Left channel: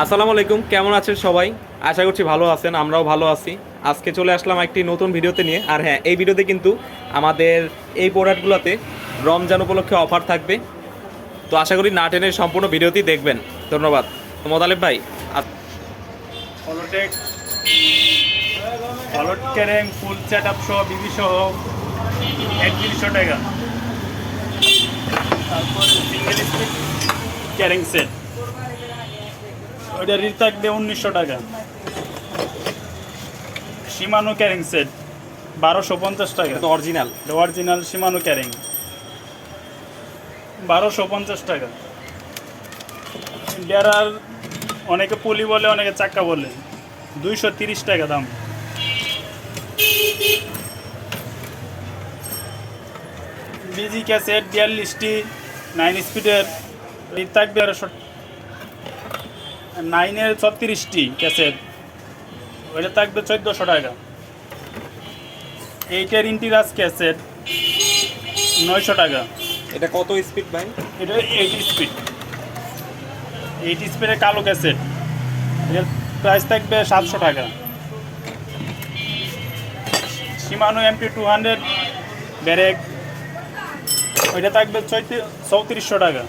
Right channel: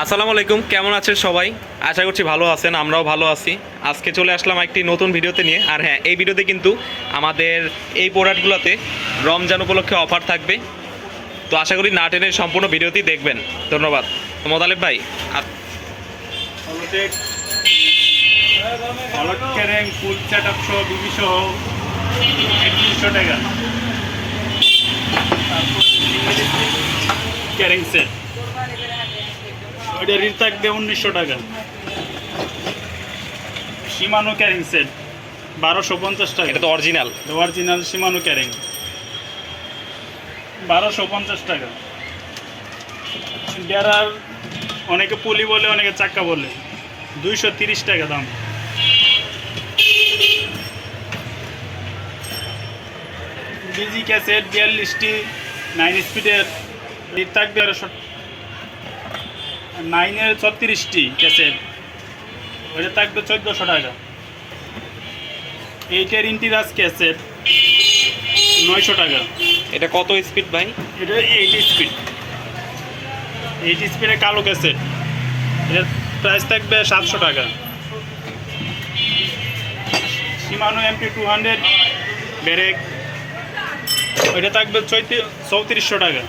আসসালামু আলাইকুম, কেমন আছেন সবাই? আশা করছি ভালো আছেন, আমরাও ভালো আছি। আজকে চলে আসলাম একটি নতুন ভিডিওতে নিয়ে। আর হ্যাঁ, এই ভিডিওতে কিন্তু আমাদের এই প্রোডাক্টগুলোতে রমজান উপলক্ষে অফার থাকবে। তো আশা করি না টেনে সম্পূর্ণ ভিডিওটি দেখবেন। ধন্যবাদ। মোতালেব ভাই, হলোটেক হলট ক্যারেং ফুল সেট আপ সহ বিবি সহ 3100 টাকা। তারপরে ক্যারেং সেট ওইটা রিল থাকবে 1900 টাকা। সীমানো ক্যারিং সেট 1250 টাকা। এটা তো অরিজিনাল অরিজিনাল সীমানো ক্যারিং 1250 টাকা। ডেরার অনেকে পলি বলে, অনেকে চাক্কা বলে, 230 টাকা দাম। ডিজি ক্যাসেট 42টি 9 স্পিডের রিড থাকবে 9-এর 36টি ক্যাসেট, ওইটা থাকবে 1400 টাকা। 8-এর ইন্টিরাস ক্যাসেট 900 টাকা। এটা কত স্পিড ভাই? এটা 80 স্পিড, 80 স্পিডের কালো ক্যাসেট, এটার প্রাইস থাকবে 700 টাকা। সীমানো MP 200 ব্যারেক, ওইটা থাকবে 3400 টাকা।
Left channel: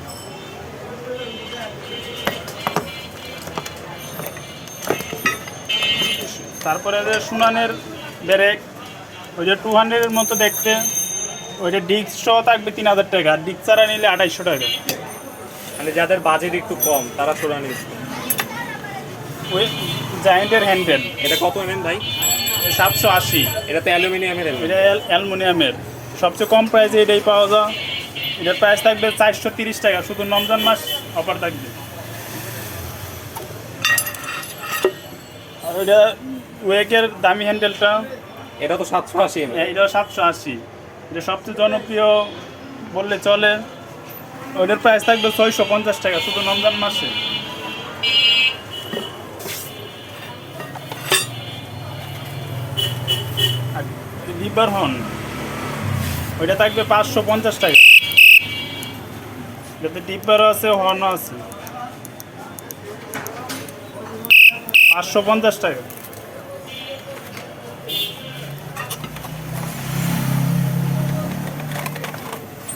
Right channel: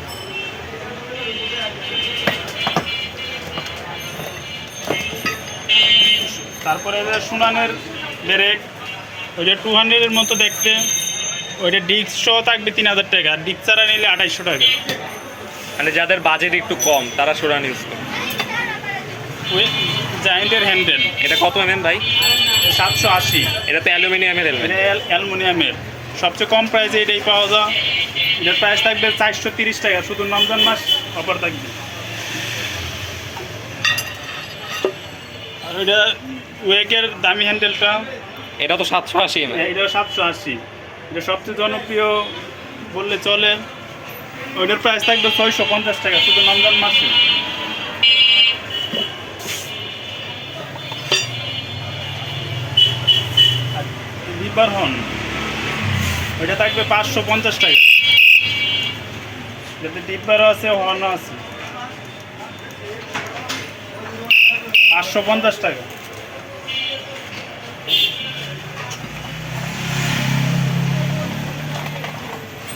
তারপরে সুনানের ব্যারেক, ওইটা 200-এর মতো দেখতে, ওইটা ডিস্ক সহ থাকবে 3000 টাকা, আর ডিস্ক ছাড়া নিলে 2800 টাকা। মানে যাদের বাজেট একটু কম তারা সুরান ইউজ করে। ওই জায়েন্টের হ্যান্ডেল, এটা কত ভাই? 780। এটা তো অ্যালুমিনিয়ামের এটা অ্যালুমিনিয়ামের, সবচেয়ে কম প্রাইসে এটাই পাওয়া যায়। এটার প্রাইস থাকবে 430 টাকা, শুধু রমজান মাস অফার থাকবে। আর এটা ওয়েকের দামি হ্যান্ডেলটা, এটা তো 780 এটা 780। এটা সবচেয়ে জনপ্রিয় বললে চলে। ওইটার প্রাইস থাকবে 650 টাকা, শুধু রমজান মাসে। লিভার হর্ন, ওইটা থাকবে 550 টাকা। এটাতে ডিব্বারও আছে, হর্নও আছে, 550 টাকা।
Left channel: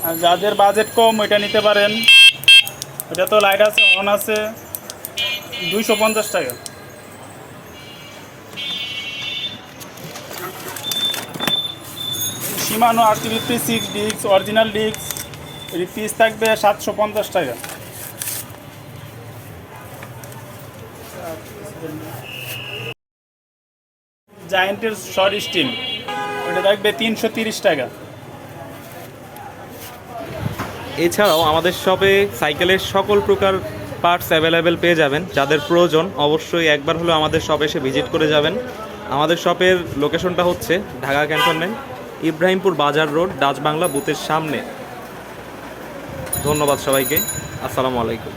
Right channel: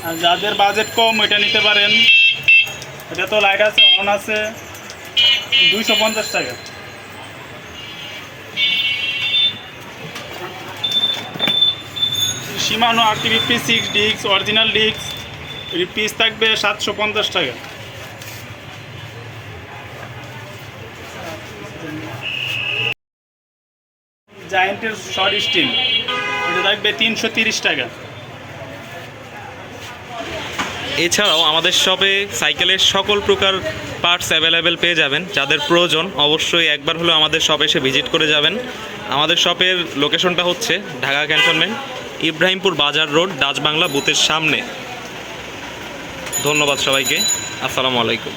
আর যাদের বাজেট কম ওইটা নিতে পারেন। এটা তো লাইট আছে, হর্ন আছে, 250 টাকা। সীমানো RTVP 6 disk original disk, piece থাকবে 750 টাকা। জায়েন্টের শর্ট স্টিম, ওটা থাকবে 330 টাকা। এছাড়াও আমাদের শপে সাইকেলের সকল প্রকার পার্টস অ্যাভেলেবেল পেয়ে যাবেন। যাদের প্রয়োজন অবশ্যই একবার হলেও আমাদের শপে এসে ভিজিট করে যাবেন। আমাদের শপের লোকেশনটা হচ্ছে ঢাকা ক্যান্টনমেন্ট, ইব্রাহিমপুর বাজার রোড, ডাচ বাংলা বুথের সামনে। ধন্যবাদ সবাইকে। আসসালামু আলাইকুম।